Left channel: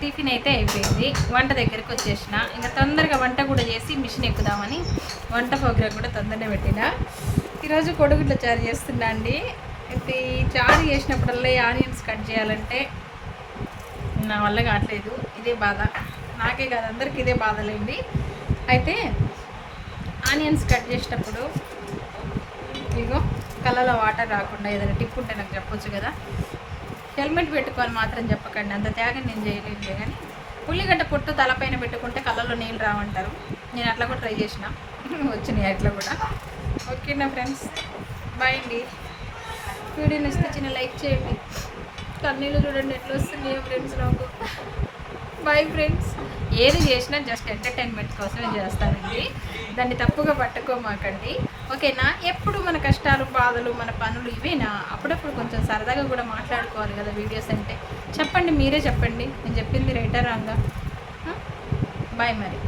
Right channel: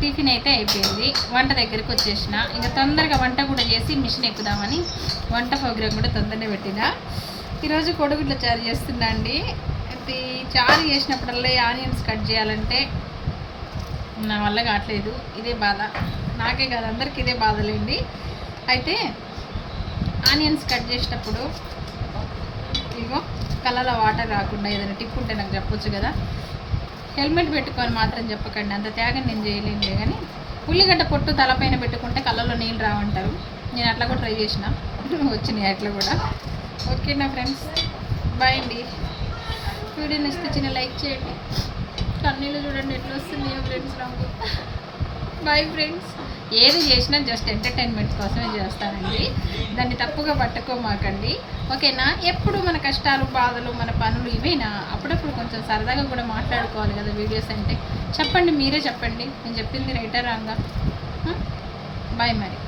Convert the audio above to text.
Tiffin అయితే అయిపోయింది. వంట దగ్గరికి వచ్చేసిన. ఇంకా తొందరగా వంట కూడా చేసి మిషన్ ఎక్కుదామని వంట ప్రోగ్రామ్ కూడా తొందరగా పెట్టిన. ఈరోజు కొడుగుడ్ల చారు చేస్తున్నా అండి. అయితే చారు చేసినప్పుడల్లా ఆనియన్స్ కట్ చేయాలంటే నా వల్ల కావట్లేదు. ఇదే బాధ. నాకే కాదు అందరికీ ఇదే బాధలేండి. అయితే ఆనియన్స్ కట్ చేసేటప్పుడు ఇగో కళ్ళలో వాటర్ రాకుండా ఏదైనా టిప్ ఉంటే నాకు చెప్పొచ్చు కదా. హెల్మెట్ పెట్టుకొని మాత్రం చెప్పకండి. అంత త్యాగం నేను చేయలేనులే కానీ ఉల్లిగడ్డ పొట్టు తలపైన పెట్టుకుంటే కళ్ళలో నీళ్ళు రావంటారు. నేను అట్లా కూడా ట్రై చేసిన. వచ్చినాయి అట్లా కూడా. ఓకే నా ఫ్రెండ్స్ బాయ్ అండి. వీడియో నచ్చితే చిన్న లైక్ చేయండి. కన్నీళ్ళు చూడండి ఎట్లా వస్తుంది ఫ్రెండ్స్ నాకు. Boy friends. ఏది చేసినా జస్ట్ ఎంటర్టైన్మెంట్ కోసమే చేస్తానండి. దాన్ని తప్పుగా పట్టుకోమాకండి. ఓకేనా? ఎప్పుడు మన కష్టాలు బాధలు మన పనులు ఇవేనా? అప్పుడప్పుడు కొంచెం సరదాగా కూడా మాట్లాడుకోవాలి కదా వీడియోస్ అంటే. చెప్పండి మీరే చెప్పండి. నేను చెప్పింది రైటర్ రాంగా బాయ్ మరి.